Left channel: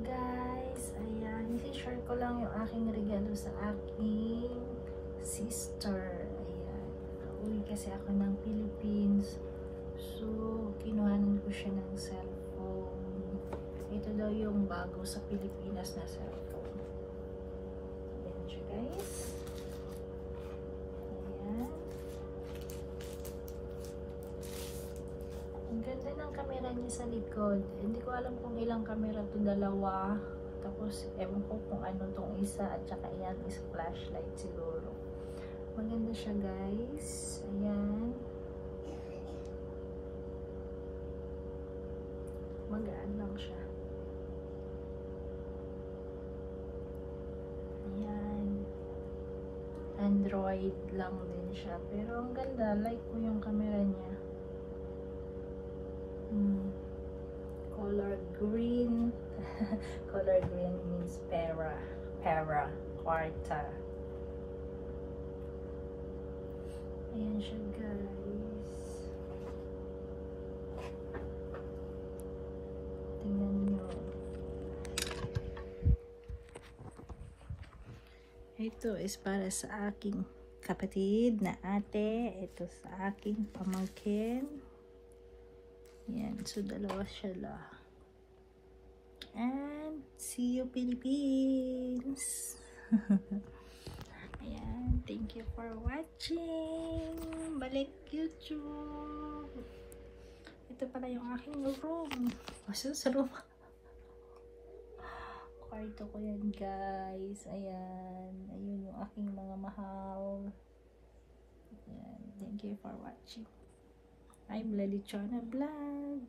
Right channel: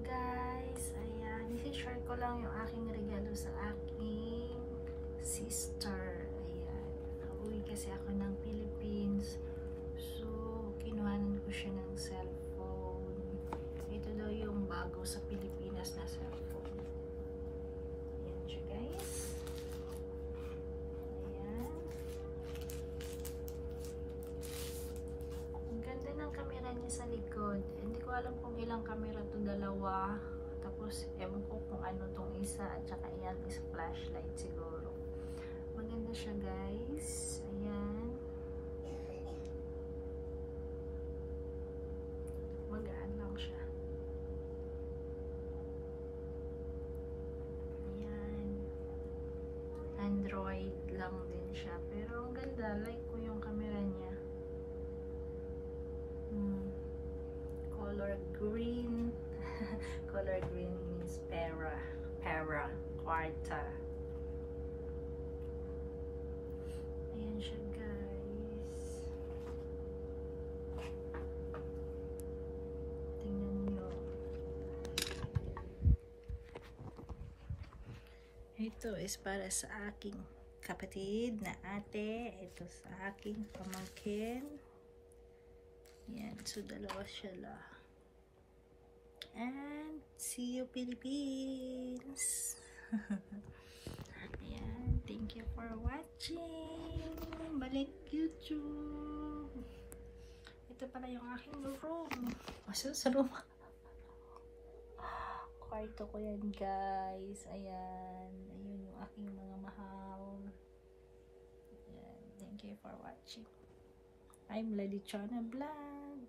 Guys, ayan, i-share ko lang yung aking regalo sa aking sister. Ayan, nauwi kasi ako ng Philippines, so kinuhanan ko siya ng cellphone. Ito daw yung bago sa Pilipinas na cellphone. Ayan siya, guys. Ayan, ang ganda ng camera niya sa likod. Hindi ko alam kung ilang camera to, dalawa. Tapos, ewan ko kung ano tong isa. At saka yan is flashlight siguro. Maganda siya, guys. Ayan. Magaan lang siya. Ayan. Android lang din siya. Pero ang ganda. Like ko yung camera niya. Color green. Color green means quarta. Ayan siya, guys. Tingnan nyo. Ito is para sa aking kapatid na ate. Ito sa aking pamangkin. Ayan, so dalawa sila. And see you, Philippines! Ayan, thank you for watching! Balik YouTube! Ito pala yung aking room. Masaya sa room. Kwarto ko yan, guys. Ayan, ayun yung aking mga mahal. Ayan, thank you for watching. I'm Lalichana Vlog.